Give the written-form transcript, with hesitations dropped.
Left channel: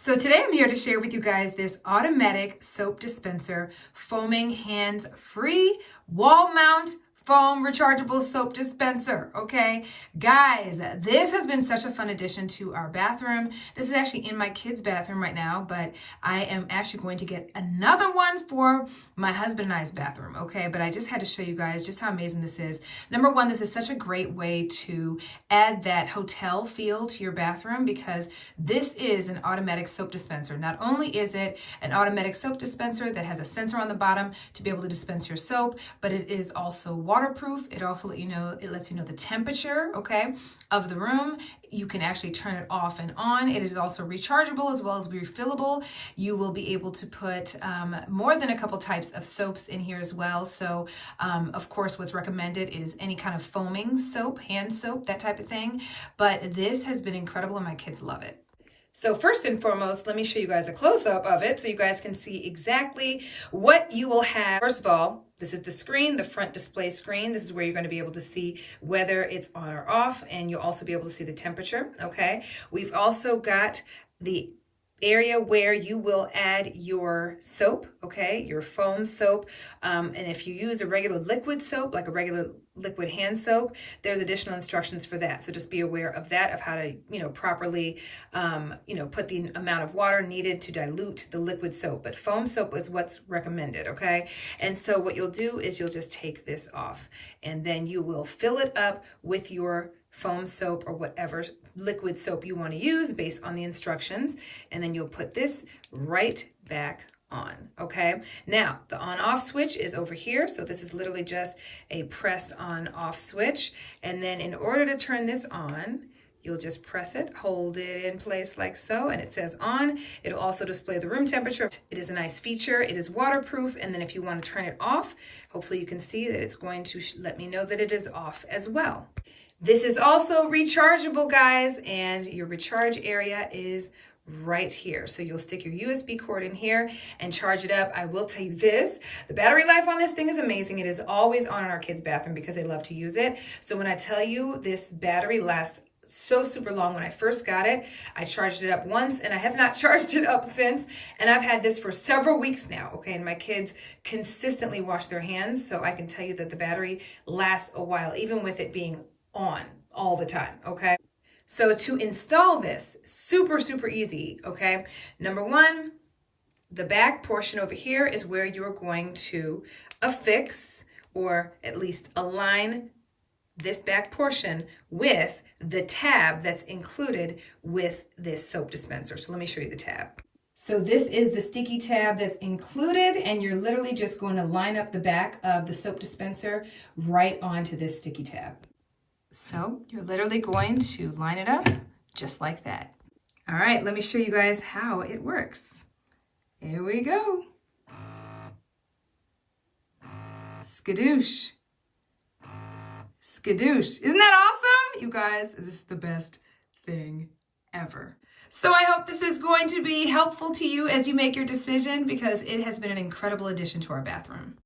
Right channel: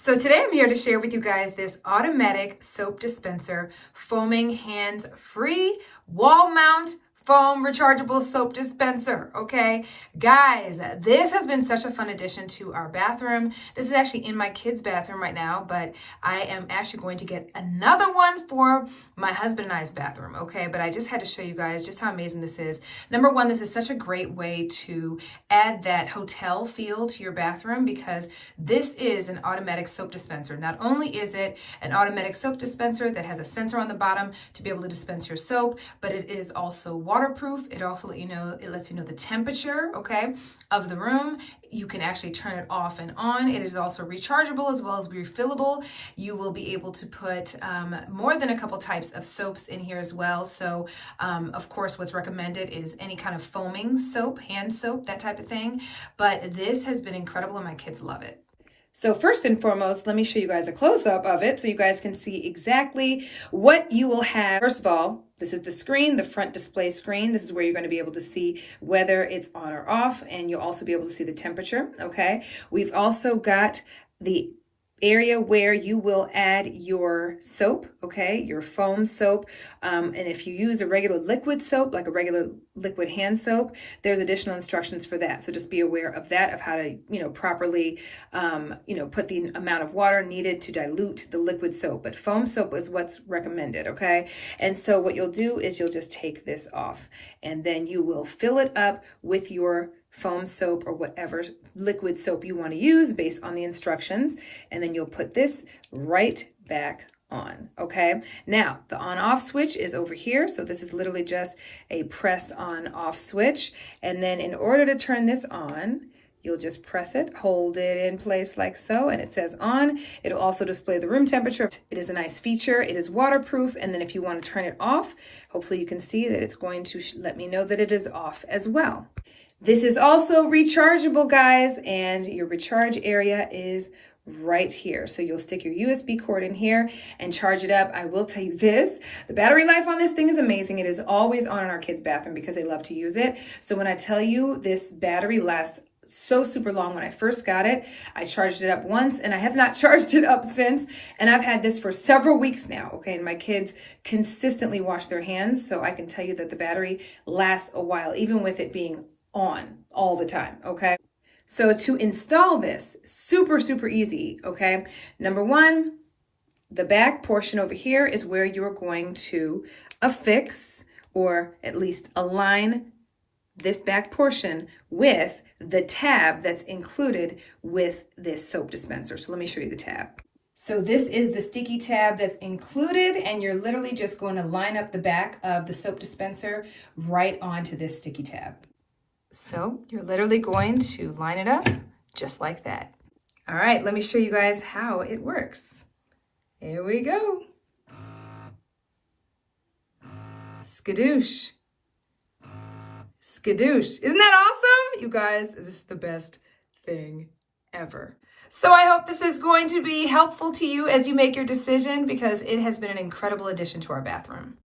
So today I'm here to share with you guys this automatic soap dispenser, foaming hands-free, wall mount, foam rechargeable soap dispenser, okay? Guys, this has been such a fun addition to our bathroom. This is actually in my kids' bathroom right now, but I am actually going to get another one for my husband and I's bathroom, okay? But I just had to show you guys just how amazing this is. Number one, this is such a great way to add that hotel feel to your bathroom because this is an automatic soap dispenser. Not only is it an automatic soap dispenser that has a sensor on the bottom to be able to dispense your soap, but it is also waterproof. It also lets you know the temperature, okay, of the room. You can actually turn it off and on. It is also rechargeable as well as refillable. You will be able to put more than a couple types of soaps in here as well. So, of course, what's recommended is any kind of foaming soap, hand soap, that type of thing. But this has been incredible and my kids love it. So first and foremost, let me show you guys a close-up of it so you guys can see exactly what you will have. First of all, this is the screen, the front display screen. This is where you're going to be able to see whether it's on or off, and you'll also be able to see the temperature, okay? We've also got the area where you will add your soap, okay, your foam soap. And if you use a regular liquid soap, like a regular liquid hand soap, there's additional instructions for that. So just be aware of that, of how to, properly, put the amount of water needed to dilute the liquid soap. But foam soap is what's recommended, okay? And so what you'll do is you'll just take this off and then you will fill it up with your foam soap or whatever liquid soap you want to use based on the instructions. And then you'll put this right back on, okay? Now, the on-off switch is over here. So this is literally just a press on-off switch. And then in order to turn this on, you'll just press it, hold it in place like so, and it says on. It'll also display the room temperature. It is a nice feature. It is waterproof. And then if you want to turn it off, hopefully you can see that it's going to let me know that it is off as well. This is also rechargeable, guys, and your recharge area is right here. So you'll stick your USB cord in here and charge it up. I will tell you this, the battery life on this thing is amazing. It is always on in our kids' bathroom because they love to use it. So when I tell you this battery lasts so super long. When I first got it, I charged it up once and I have not charged it up since. And I've had this for several weeks now, okay? And my kids consistently wash their hands. So I can tell you that the battery lasts a while, even with it being on all the time, okay? So to install this, super easy, okay? Number one, the back portion over here is where you're going to affix or at least align this back portion with the tab that's included with this soap dispenser. So let me show you the tab. So this is the sticky tab that's included, and you're literally just going to line up the back of the soap dispenser right onto this sticky tab. So you're literally going to line it up just like that. All right, let me show you guys how it works. Here we go. Skadoosh. Skadoosh. Isn't that awesome? You guys, this is the best thing ever. So I hope this is going to be helpful to you as you make your decision because it has been an incredible addition to our bathroom.